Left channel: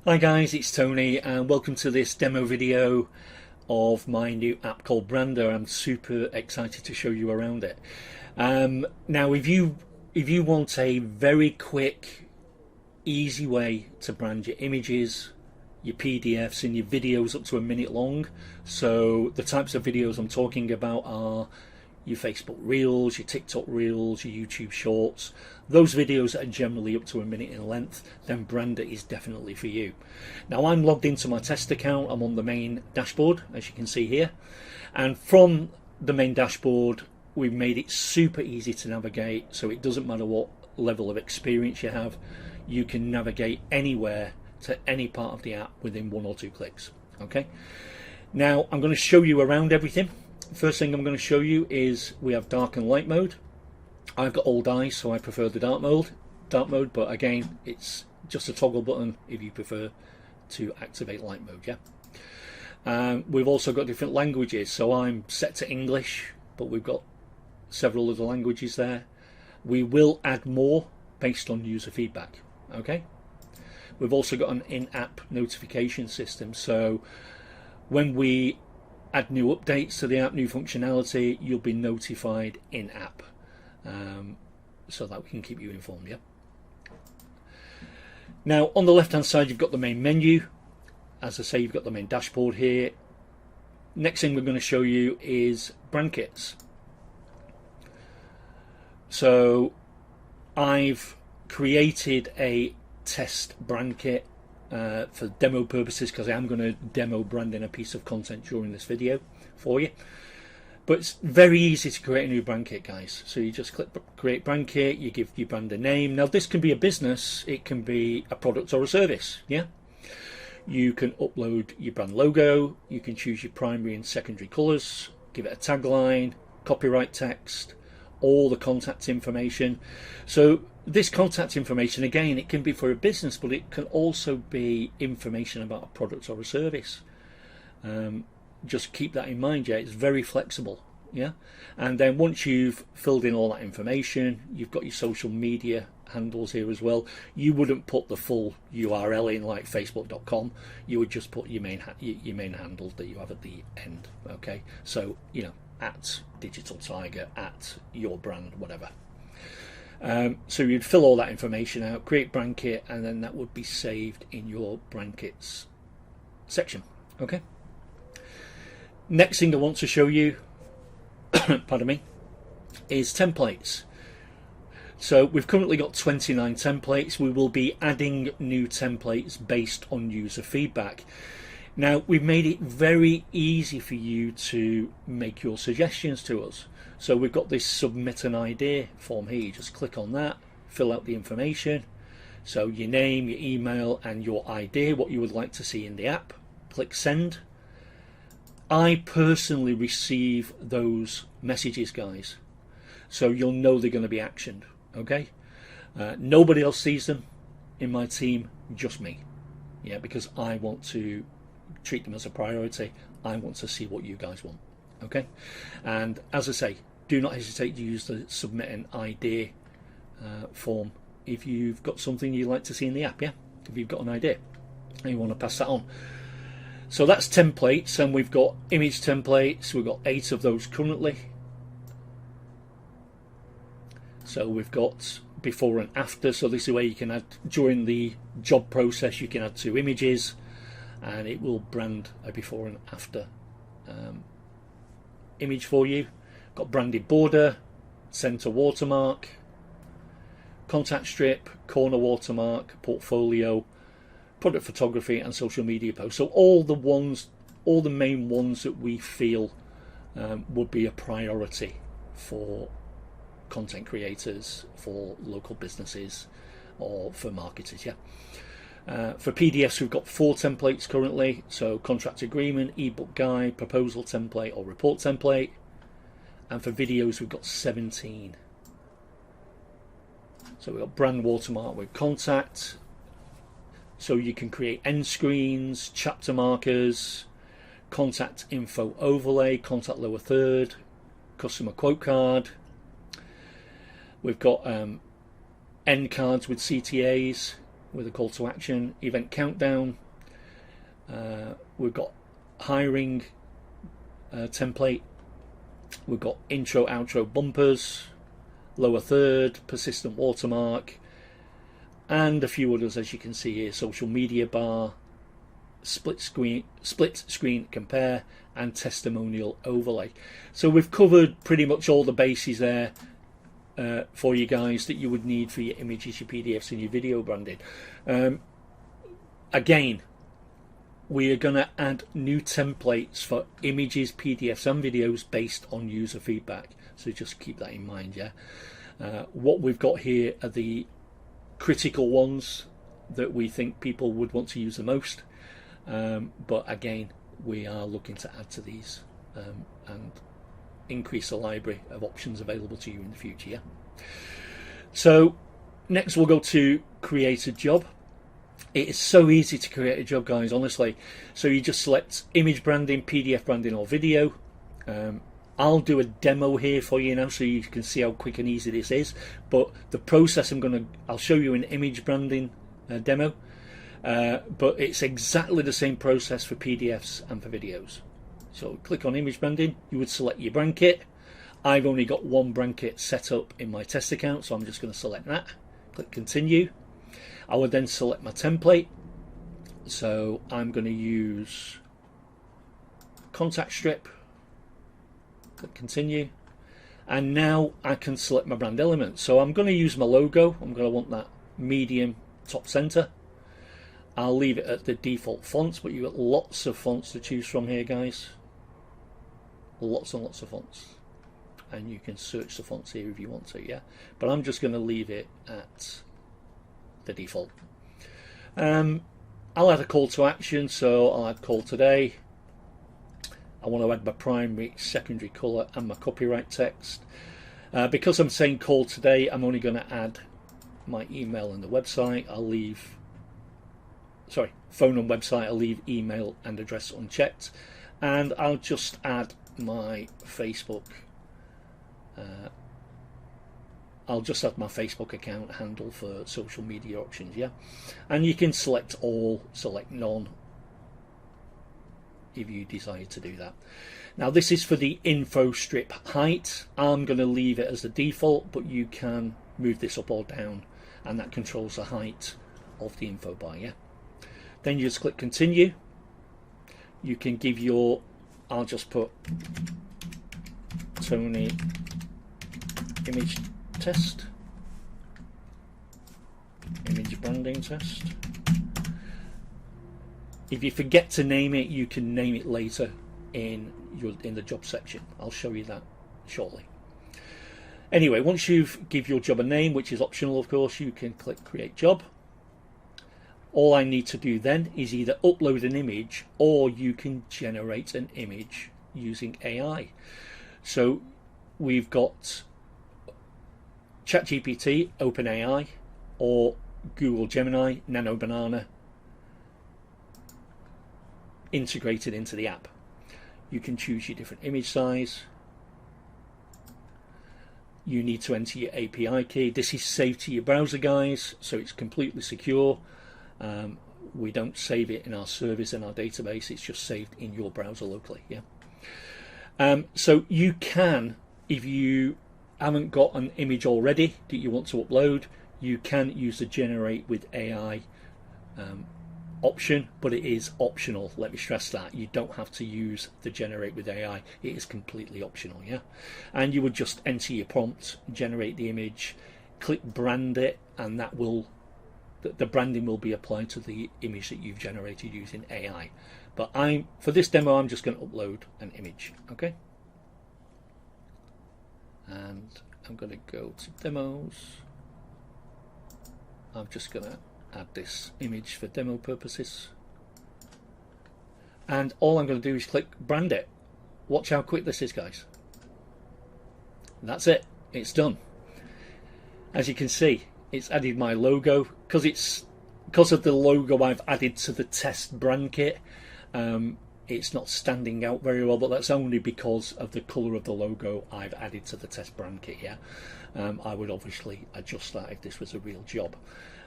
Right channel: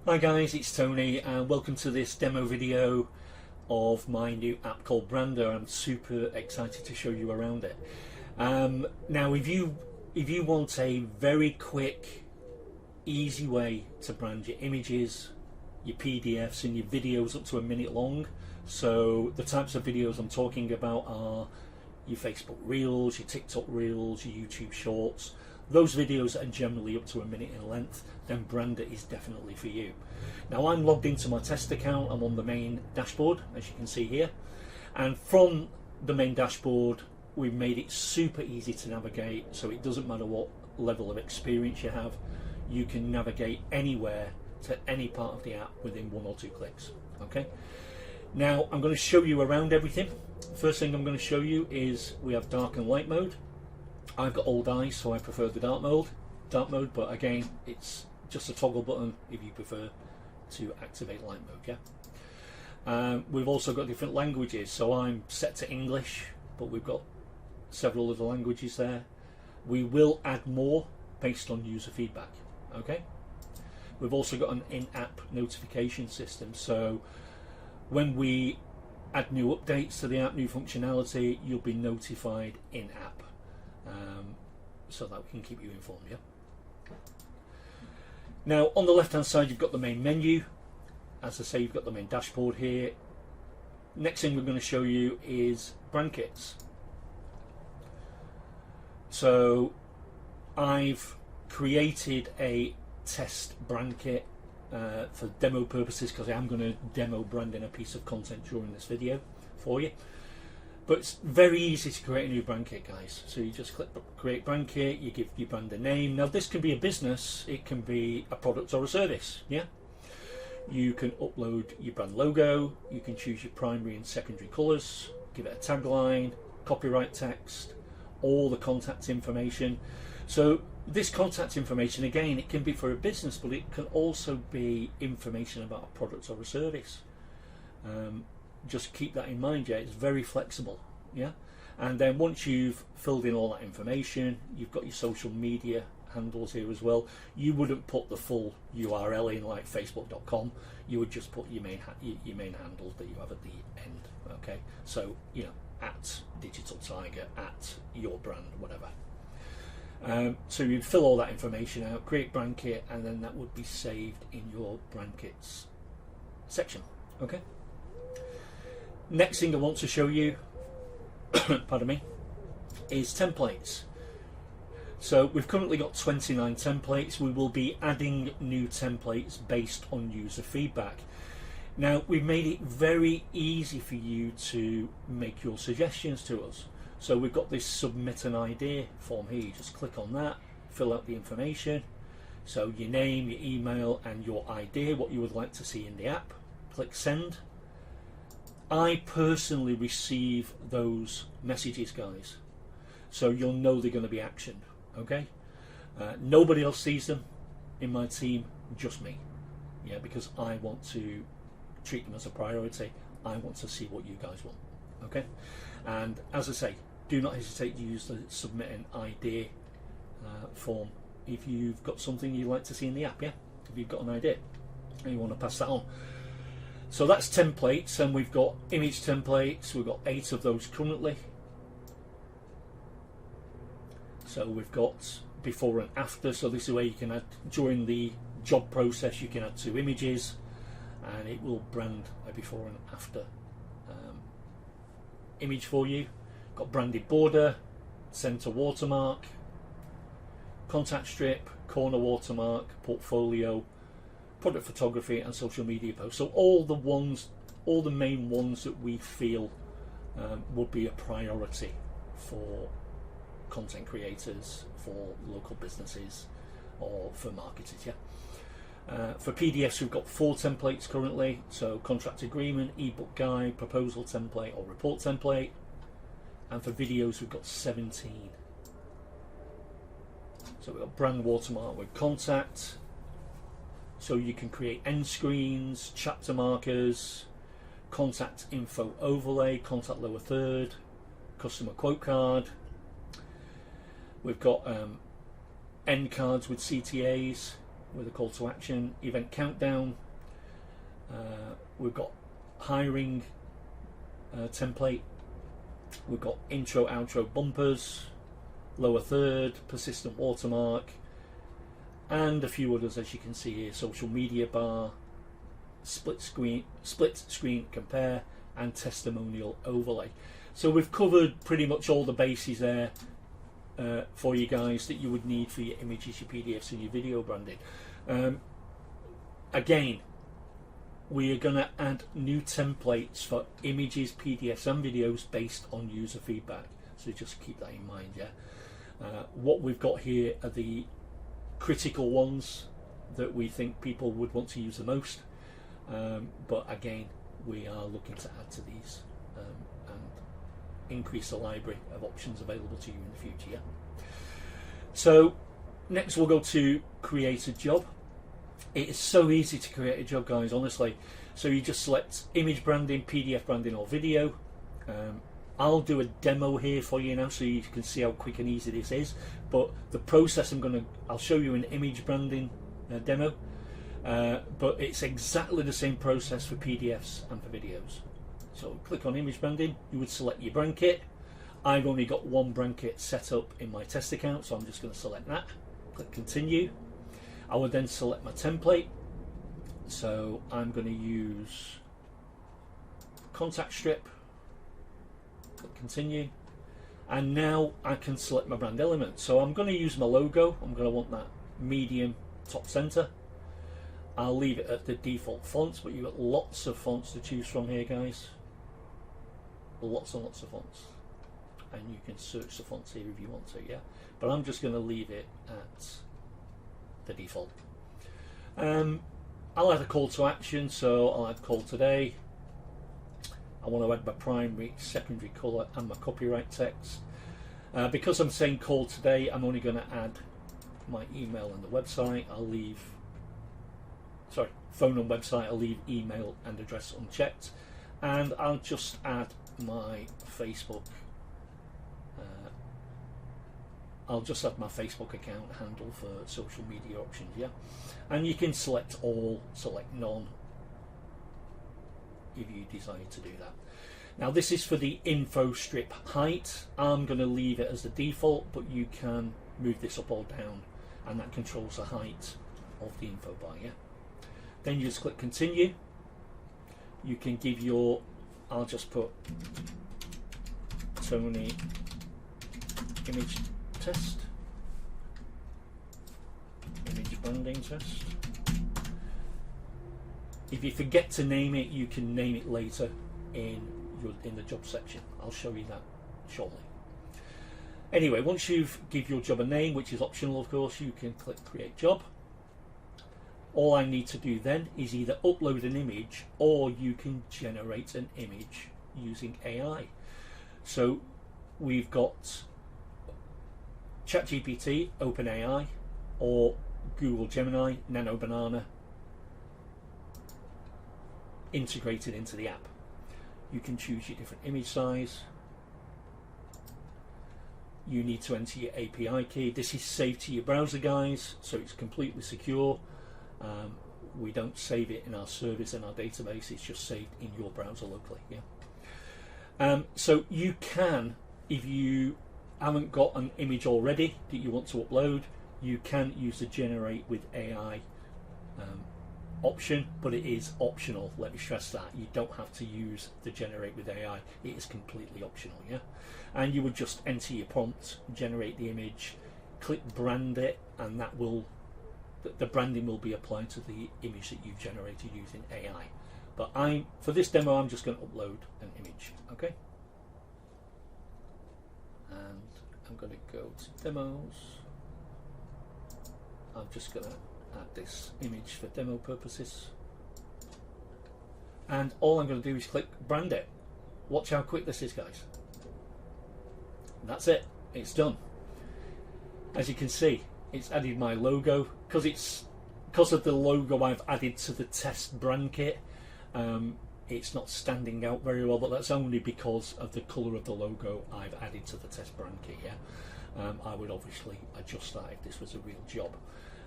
Hi guys, it's Tony and welcome to this demo video of my new app called Brandrr. I'm super excited to show you around it. Now if you want a very quick, easy way to brand your images, your PDFs and your videos up to a minute long, so the types of videos I'm talking about are your Facebook Reels, your TikTok Reels, your YouTube Shorts, those videos that are generally up to a minute in length, then Brandrr is definitely for you. Now I'm logged into my test account, I'm on the main dashboard as you can see here, and from the main dashboard we've made it super easy to navigate, so it doesn't matter what level of experience you have, you can navigate anywhere to any part of the app within 1 or 2 clicks. Okay, now I'm going to show you around everything. First thing I'm going to show you is we have dark and light mode. I've got old eyes, so I prefer the dark mode, but again it's just a toggle button if you prefer to activate light mode. We've also got different languages, so I'm set to English, but we've got several other languages there. We will add more based on user feedback. Okay, we've also got an in-app notification system, so when we add new updates to the app, new functionality, you'll be notified in-app, so that we can keep you informed. Now on the left hand side you've got the main menu. As I say, you've got the main dashboard here. Next thing we're going to show you is brand kits. So I've created a test brand kit for demo purposes, because I am going to demo branding a piece of content during this video for you. But it's very easy to create a new brand kit, guys. So you just click create brand kit, you give your brand a name. Now this can be a business, it can be a product or a service. You can upload your brand logo, you can choose your primary and secondary colours, give it a tagline, copyright text, all the contact information. So this contact information, again, it can be for a business, but it can also be information about a product or a service. Just keep that in mind. It's very flexible. And then once you've filled in all that information, you've got your social media handles here as well. You wouldn't put the full URL in like facebook.com, you would just put your main handle that you have at the end. Okay, so at Digital Tiger, at your brand, whatever. So you'd fill all that information out, create brand kit, and then that would be saved in your brand kits section. Okay, next thing I want to show you pardon me, is templates. So we've currently got 29 templates. We will be adding new templates based on user feedback. Now we've made it very easy for you to make your suggestions to us. So we've got this submit an idea form here. You just click on that, fill out the information. So your name, your email and your idea, what you would like to see in the app. Click send. I personally receive those messages, guys. So you'll know they're going to be actioned. Okay, nobody else sees them in my team, just me. Because I want to treat them as a priority. I want to see what you guys want. Okay, and as I say, do not hesitate to use the submit an idea form if you've got something you'd like to see in the app. If you've got an idea and you want to pass that on. So that's templates, and we've got image templates. We've got 8 of those currently. So we've got before and after, so this is where you can add, during the job process you can add 2 images and it will brand a before and after image for you. Got branded border, center watermark, contact strip, corner watermark, portfolio, product photography and social media posts. So all the main ones that we feel would be a priority for content creators, for local businesses or for marketers. For PDFs we've got 4 templates currently, so contract agreement, ebook guide, proposal template or report template, and for videos we've got 17. So we've got brand watermark with contact, so you can create end screens, chapter markers, contact info overlay, contact lower third, customer quote card. We've got end cards with CTAs, with a call to action, event countdown. We've got hiring template. We've got intro, outro bumpers, lower third, persistent watermark, and a few others as you can see here. Social media bar, split screen compare, and testimonial overlay. So we've covered pretty much all the bases there for you guys that you would need for your images, your PDFs, and your video branding. Again, we are going to add new templates for images, PDFs, and videos based on user feedback. So just keep that in mind, yeah. What we've got here are the critical ones that we think people would want to use the most. But again, we are looking to add to these and increase the library of options available to you in the future. Yeah? So next we'll go to create a job. It is so easy to create a job, guys, honestly. So you just select image branding, PDF branding, or video. I'll do a demo here for you now so you can see how quick and easy this is. But the process I'll show you an image branding demo. But it's exactly the same process for PDFs and for videos. So click on image branding, you would select your blanket. I've only got one blanket set up in my test account, so I'm just going to select that. Click continue. I would then select my template. So I'm going to use contact strip. Click continue. And now I can select my brand element. So I'm going to use my logo. I'm going to want that medium top center. I'll leave it at the default fonts, but you've got lots of fonts to choose from here, guys. Lots and lots of fonts. And you can search the fonts here if you want to, yeah. But I'm just going to leave it at the default. I'll add a call to action, so I'll add call today. I want to add my primary, secondary colour and my copyright text. Because I'm saying call today, I'm only going to add my email and the website. I'll leave phone and website, I'll leave email and address unchecked, and I'll just add my Facebook. I'll just add my Facebook account handle for social media options, yeah. And you can select all, select none if you desire to do that. Now this is for the info strip height. I'm going to leave it as the default, but you can move this up or down, and that controls the height of the info bar, yeah. Then you just click continue. You can give your, I'll just put Tony image test, image branding test. If you forget to name it, you can name it later in the job section. I'll show you that shortly. Anyway, once you've give your job a name, which is optional of course, you can click create job. All I need to do then is either upload an image or you can generate an image using AI. So we've got ChatGPT, OpenAI, or Google Gemini, Nano Banana integrated into the app. You can choose your different image size. You need to enter your API key. This is saved to your browser, guys, so it's completely secure. We don't save it in our service, in our database. It's just saved in your browser locally. Yeah. So you can, if you haven't got an image already that you want to upload, you can use the generate with AI option, but it is optional. Let me stress that you don't have to use the generate with AI. It is completely optional. Yeah. And you would just enter your prompt, generate the image, click brand it, and that will, the branding will be applied to the image that you've generated using AI. But for this demo, I'm just going to upload an image. Okay. And I'm going to go to demos. I'm just going to add this image for demo purposes. And all I'm going to do is click brand it. Watch how quick this is, guys. That's it. It's done. As you can see, it's added my logo. Because of the logo I've added to the test brand kit, it's not standing out very well, but that's only because of the colour of the logo I've added to the test brand kit. Yeah, I would obviously adjust that if this was a real job.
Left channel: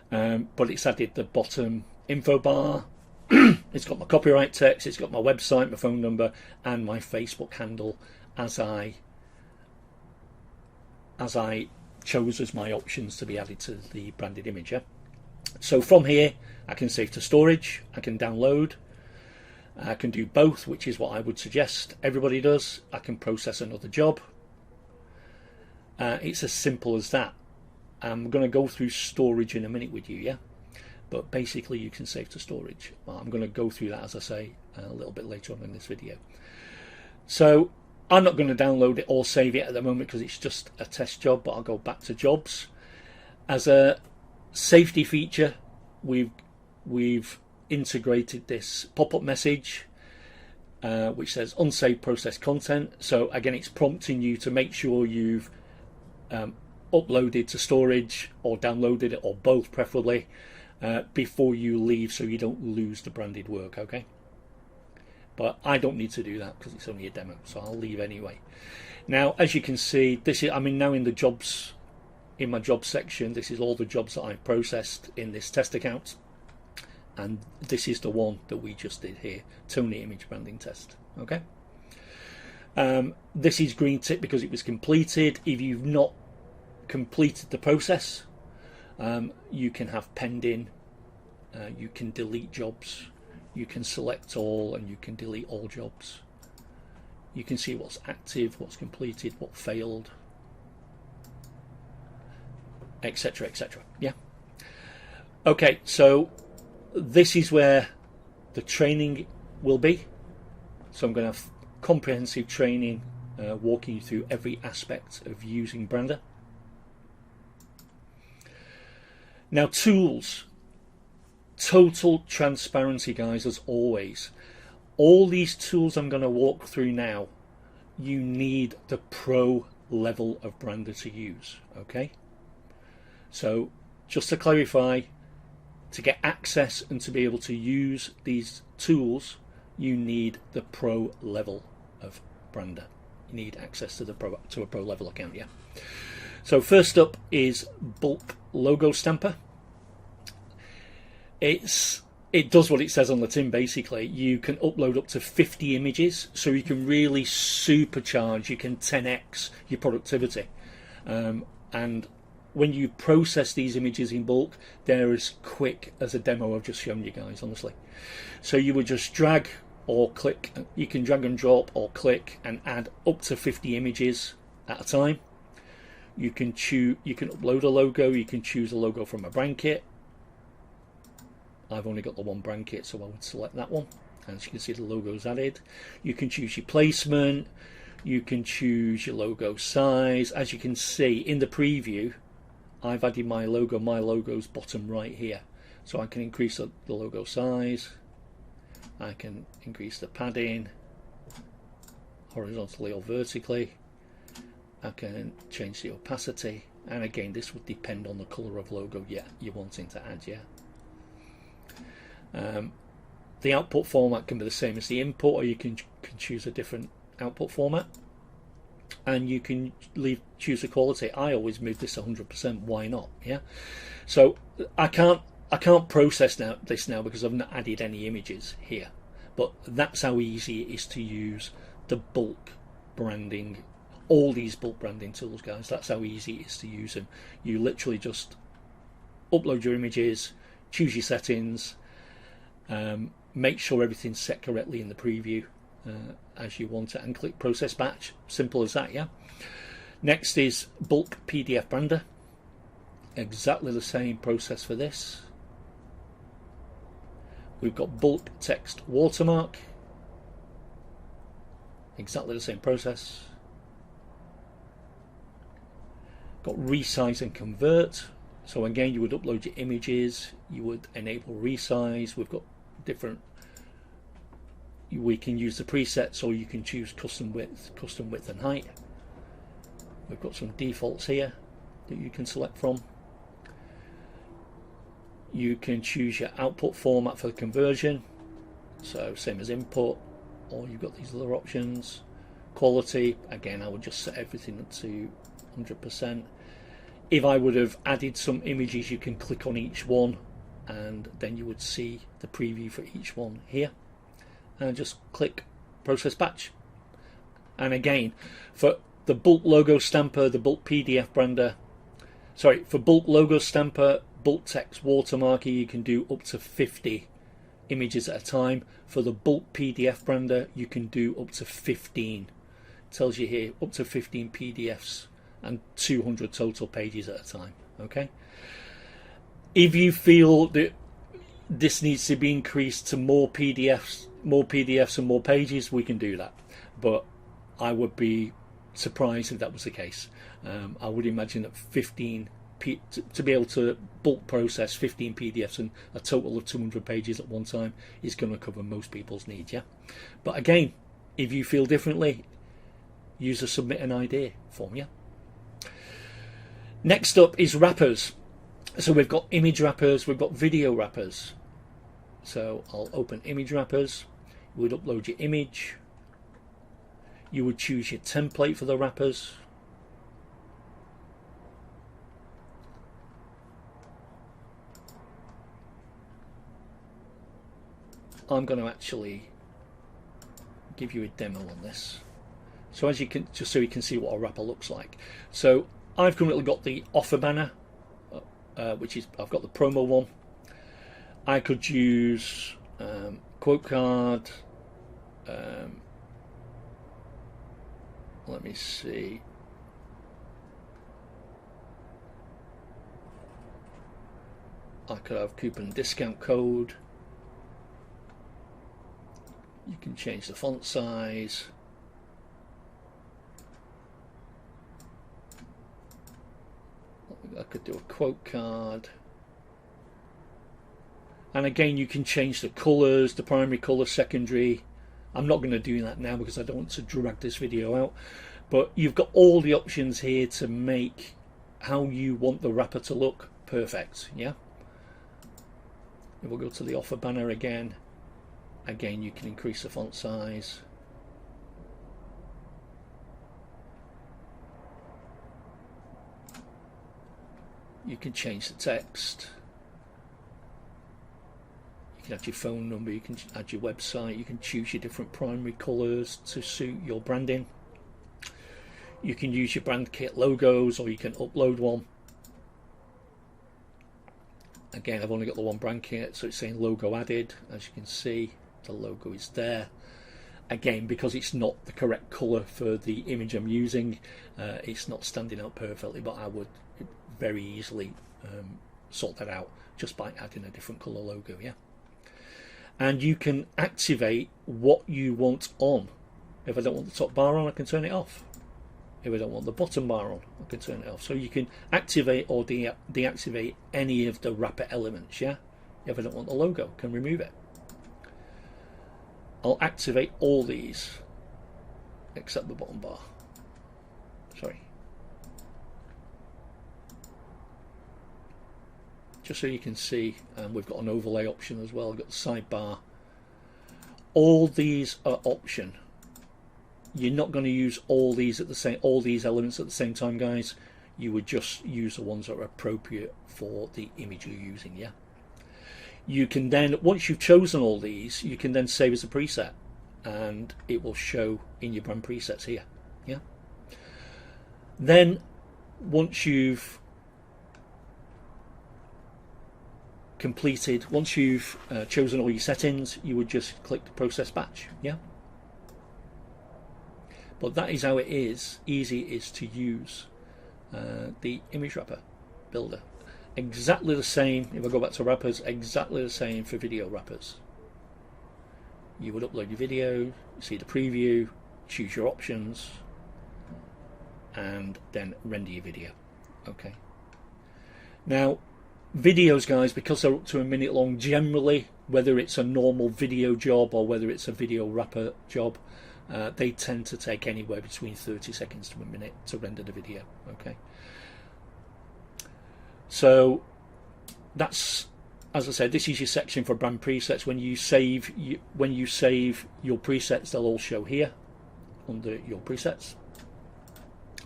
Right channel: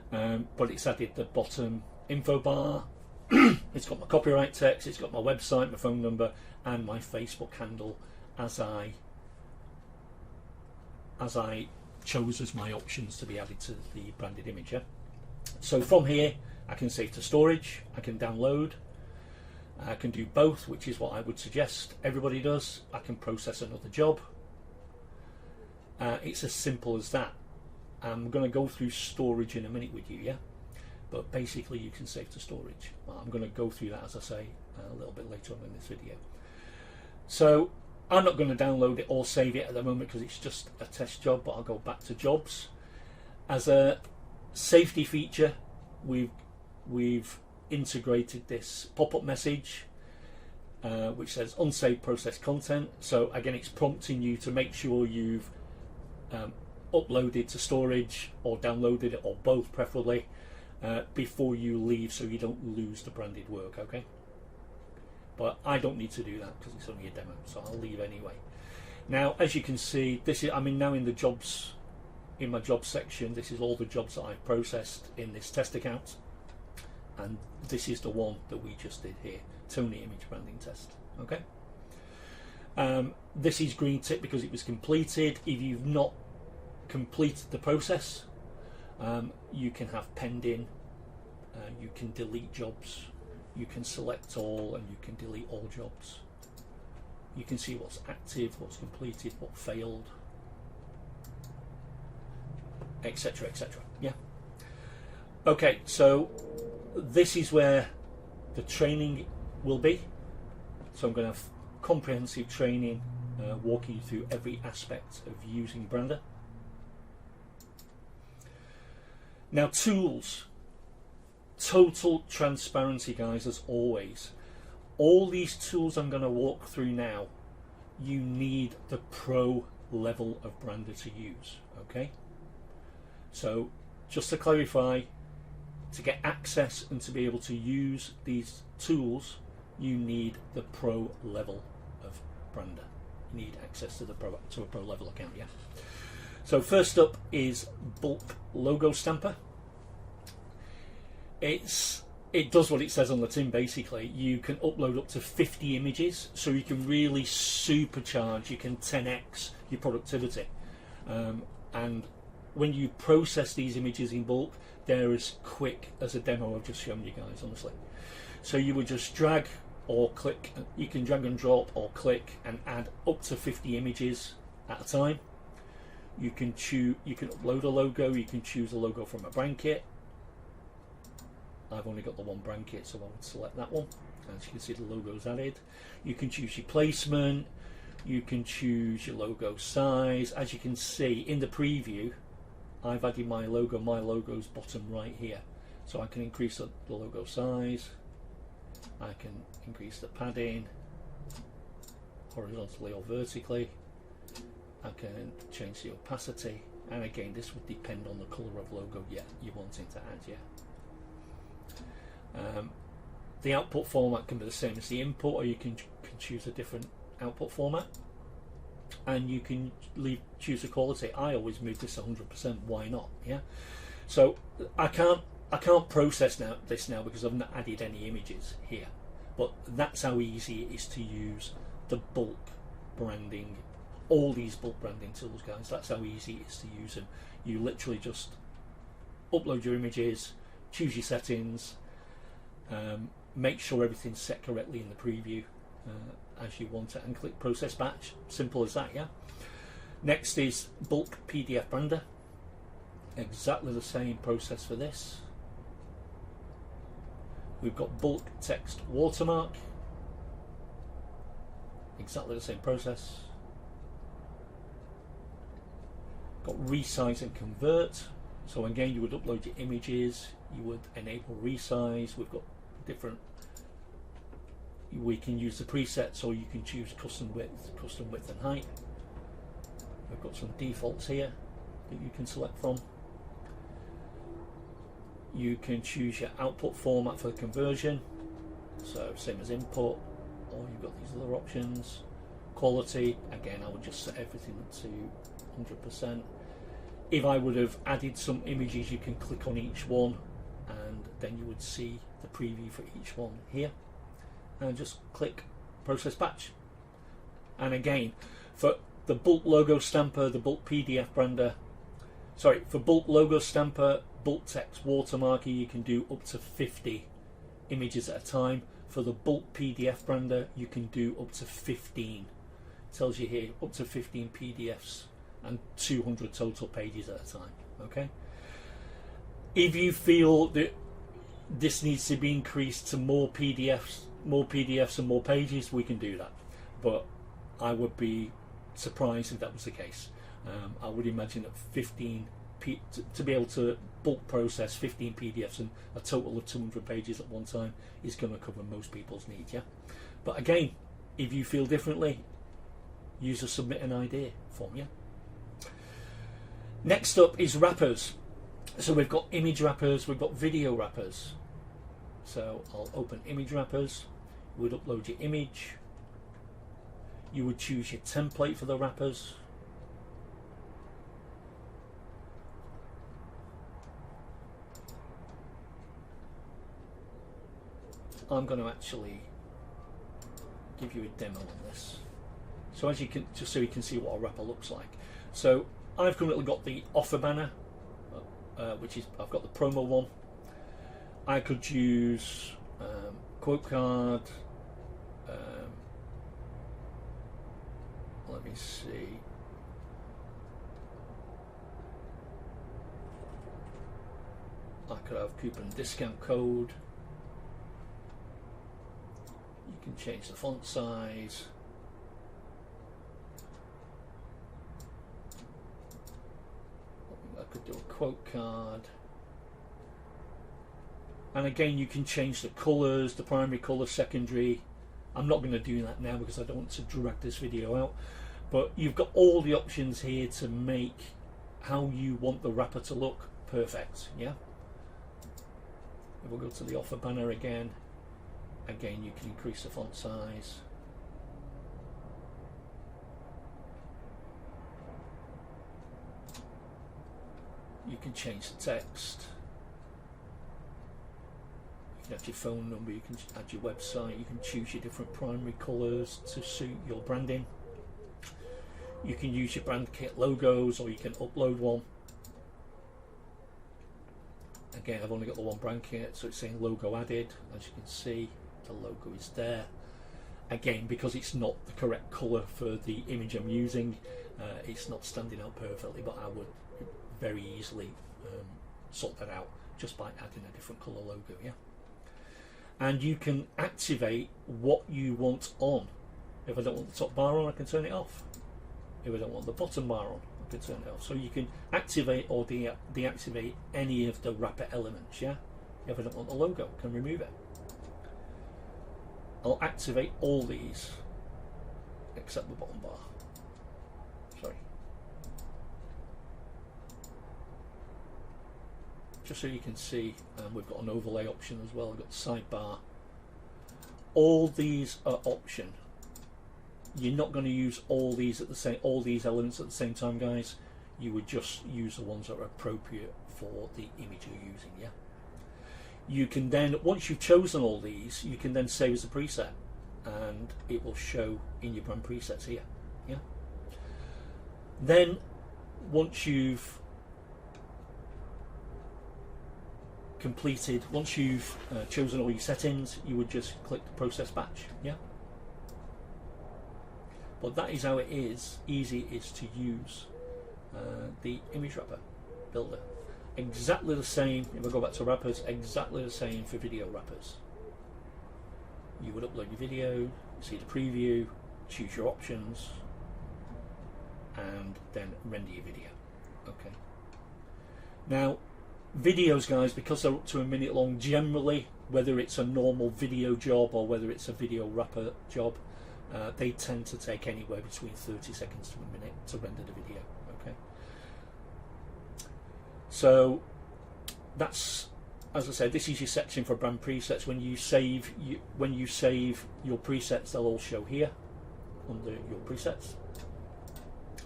but it's added the bottom info bar. It's got my copyright text, it's got my website, my phone number, and my Facebook handle as I chose as my options to be added to the branded image. Yeah? So from here I can save to storage, I can download, I can do both, which is what I would suggest everybody does. I can process another job. It's as simple as that. I'm going to go through storage in a minute with you, yeah? But basically you can save to storage. Well, I'm going to go through that, as I say, a little bit later on in this video. So I'm not going to download it or save it at the moment because it's just a test job, but I'll go back to jobs. As a safety feature, we've integrated this pop-up message which says unsaved processed content. So again, it's prompting you to make sure you've uploaded to storage or downloaded it, or both preferably, before you leave, so you don't lose the branded work. Okay, but I don't need to do that because it's only a demo, so I'll leave anyway. Now, as you can see, this is, I'm now in the jobs, in my jobs section. This is all the jobs that I've processed in this test account, and this is the one that we just did here, Tony image branding test. Okay, this is green tick because it was completed. If you've not completed the process, you can have pending, you can delete jobs, you can select all, and you can delete all jobs. You can see what's active, what's completed, what failed, etc, etc. Yeah. Okay, so this is where the training will be. So I'm going to have comprehensive training walking you through every aspect of using Brandrr. Now, tools, total transparency, guys, as always. All these tools I'm going to walk through now, you need the pro level of Brandrr to use. Okay, so just to clarify, to get access and to be able to use these tools, you need the pro level of Brandrr. You need access to a pro level account. Yeah. So first up is bulk logo stamper. It does what it says on the tin. Basically, you can upload up to 50 images, so you can really supercharge, you can 10x your productivity. And when you process these images in bulk, they're as quick as a demo I've just shown you guys, honestly. So you would just drag or click, you can drag and drop or click and add up to 50 images at a time. You can upload a logo, you can choose a logo from a brand kit. I've only got the one brand kit, so I would select that one. As you can see, the logo's added. You can choose your placement, you can choose your logo size. As you can see in the preview, I've added my logo. My logo's bottom right here, so I can increase the logo size, I can increase the padding horizontally or vertically, I can change the opacity, and again this would depend on the colour of logo you're wanting to add. Yeah. The output format can be the same as the input, or you can choose a different output format, and you can choose the quality. I always move this 100%. Why not? Yeah. So I can't process this now because I've not added any images here, but that's how easy it is to use the bulk branding, all these bulk branding tools, guys. That's how easy it is to use them. You literally just upload your images, choose your settings, make sure everything's set correctly in the preview as you want it, and click process batch. Simple as that. Yeah. Next is bulk PDF Brandrr. Exactly the same process for this. We've got bulk text watermark. Exactly the same process. Got resize and convert. So again, you would upload your images, you would enable resize. We've got different, we can use the presets, or you can choose custom width and height. We've got some defaults here that you can select from. You can choose your output format for the conversion, so same as input, or you've got these other options. Quality, again, I would just set everything to 100%. if I would have added some images, you can click on each one and then you would see the preview for each one here, and just click process batch. And again, for the bulk logo stamper, the bulk PDF brander, sorry, for bulk logo stamper, bulk text watermarker, you can do up to 50 images at a time. For the bulk PDF brander, you can do up to 15. It tells you here up to 15 PDFs and 200 total pages at a time. Okay. If you feel that this needs to be increased to more PDFs and more pages, we can do that. But I would be surprised if that was the case. I would imagine that 15 to be able to bulk process 15 PDFs and a total of 200 pages at one time is going to cover most people's needs. Yeah. But again, if you feel differently, use the submit an idea form. Yeah. Next up is wrappers. So we've got image wrappers, we've got video wrappers. So I'll open image wrappers. You would upload your image. You would choose your template for the wrappers. I'm going to actually give you a demo on this. So as you can, just so you can see what a wrapper looks like. So I've currently got the offer banner, which is, I've got the promo one. I could use quote card. Let me see. I could have coupon discount code. You can change the font size. I could do a quote card. And again, you can change the colours, the primary colour, secondary. I'm not going to do that now because I don't want to drag this video out. But you've got all the options here to make how you want the wrapper to look perfect. Yeah. If we'll go to the offer banner again. Again, you can increase the font size. You can change the text. You can add your phone number, you can add your website, you can choose your different primary colours to suit your branding. You can use your brand kit logos, or you can upload one. Again, I've only got the one brand kit, so it's saying logo added. As you can see, the logo is there. Again, because it's not the correct colour for the image I'm using, it's not standing out perfectly, but I would very easily sort that out just by adding a different colour logo. Yeah. And you can activate what you want on. If I don't want the top bar on, I can turn it off. If I don't want the bottom bar on, I can turn it off. So you can activate or deactivate any of the wrapper elements. Yeah. If I don't want the logo, I can remove it. I'll activate all these except the bottom bar. Sorry. Just so you can see, we've got an overlay option as well. We've got the sidebar. All these are option. You're not going to use all these elements at the same time, guys. You would just use the ones that are appropriate for the image you're using. Yeah. You can then, once you've chosen all these, you can then save as a preset, and it will show in your brand presets here. Yeah. Then, once you've completed, once you've chosen all your settings, you would just click the process batch. Yeah. But that is how it is easy is to use the image wrapper builder. Exactly the same, if I go back to wrappers, exactly the same for video wrappers. You would upload your video, see the preview, choose your options, and then render your video. Okay. Now, videos, guys, because they're up to a minute long, generally, whether it's a normal video job or whether it's a video wrapper job, they tend to take anywhere between 30 seconds to a minute to render the video. Okay. So that's, as I said, this is your section for brand presets. When you save your presets, they'll all show here under your presets.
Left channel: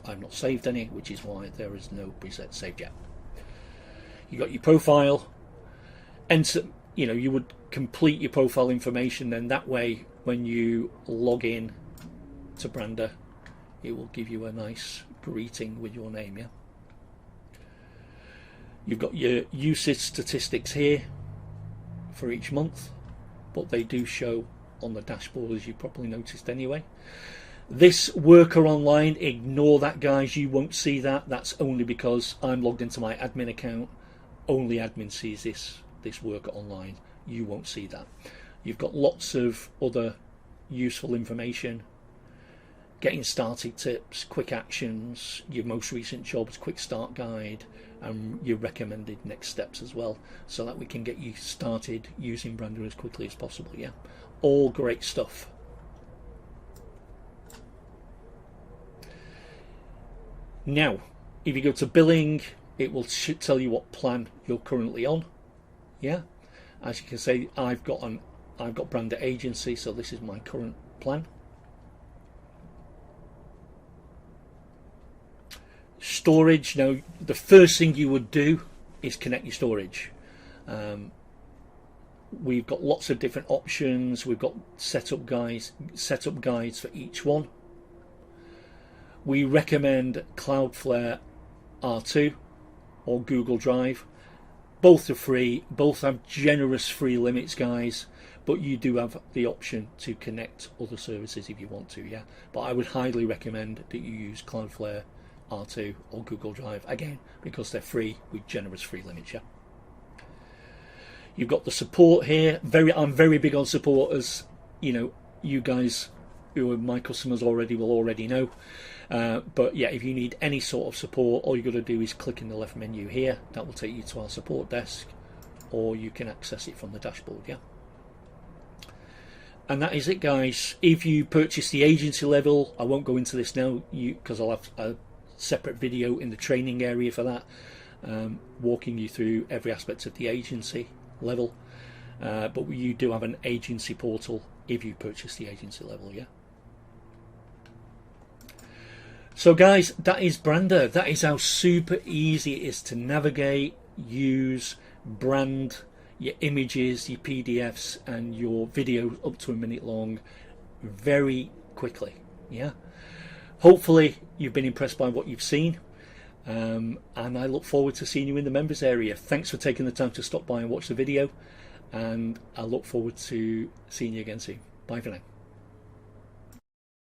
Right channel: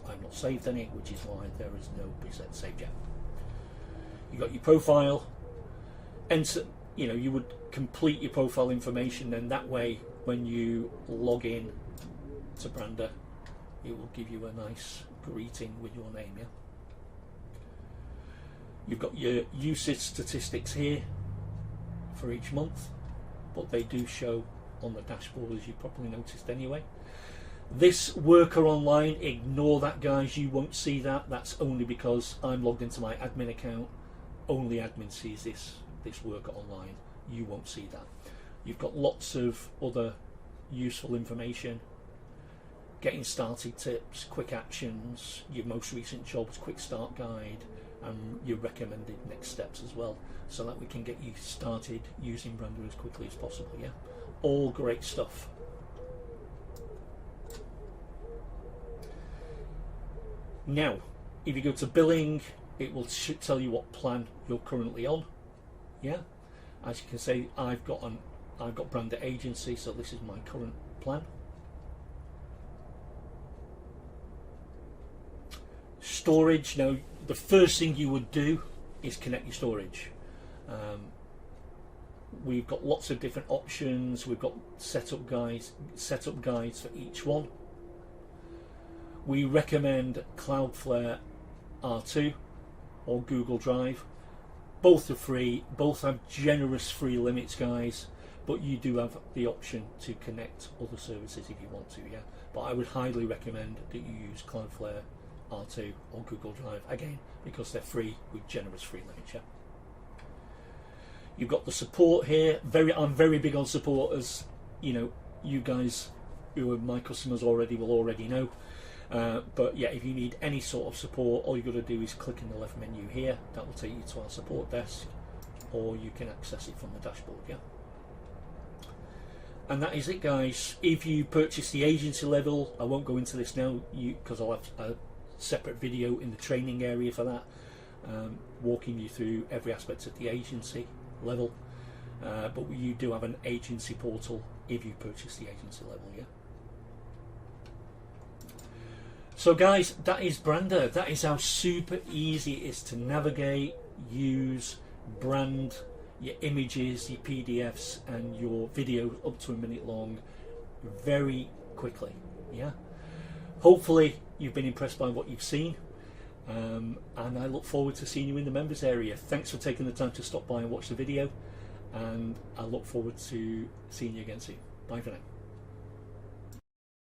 I've not saved any, which is why there is no preset saved yet. You got your profile, enter, you would complete your profile information, then that way when you log in to Brandrr, it will give you a nice greeting with your name. Yeah. You've got your usage statistics here for each month, but they do show on the dashboard, as you probably noticed anyway. This worker online, ignore that, guys. You won't see that. That's only because I'm logged into my admin account. Only admin sees this worker online. You won't see that. You've got lots of other useful information, getting started tips, quick actions, your most recent jobs, quick start guide, and your recommended next steps as well, so that we can get you started using Brandrr as quickly as possible. Yeah, all great stuff. Now, if you go to billing, it will tell you what plan you're currently on. Yeah, as you can see, I've got Brandrr agency, so this is my current plan. Storage. Now, the first thing you would do is connect your storage. We've got lots of different options. We've got setup guides for each one. We recommend Cloudflare R2 or Google Drive. Both are free, both have generous free limits, guys, but you do have the option to connect other services if you want to. Yeah, but I would highly recommend that you use Cloudflare R2 or Google Drive, again, because they're free with generous free limits. Yeah. You've got the support here. I'm very big on support, as you guys who are my customers already will already know. But yeah, if you need any sort of support, all you got to do is click in the left menu here. That will take you to our support desk, or you can access it from the dashboard. Yeah. And that is it, guys. If you purchase the agency level, I won't go into this now, because I'll have a separate video in the training area for that, walking you through every aspect of the agency level. But you do have an agency portal if you purchase the agency level. Yeah. So guys, that is Brandrr. That is how super easy it is to navigate, use, brand your images, your PDFs, and your video up to a minute long very quickly. Yeah. Hopefully you've been impressed by what you've seen, and I look forward to seeing you in the members area. Thanks for taking the time to stop by and watch the video, and I look forward to seeing you again soon. Bye for now.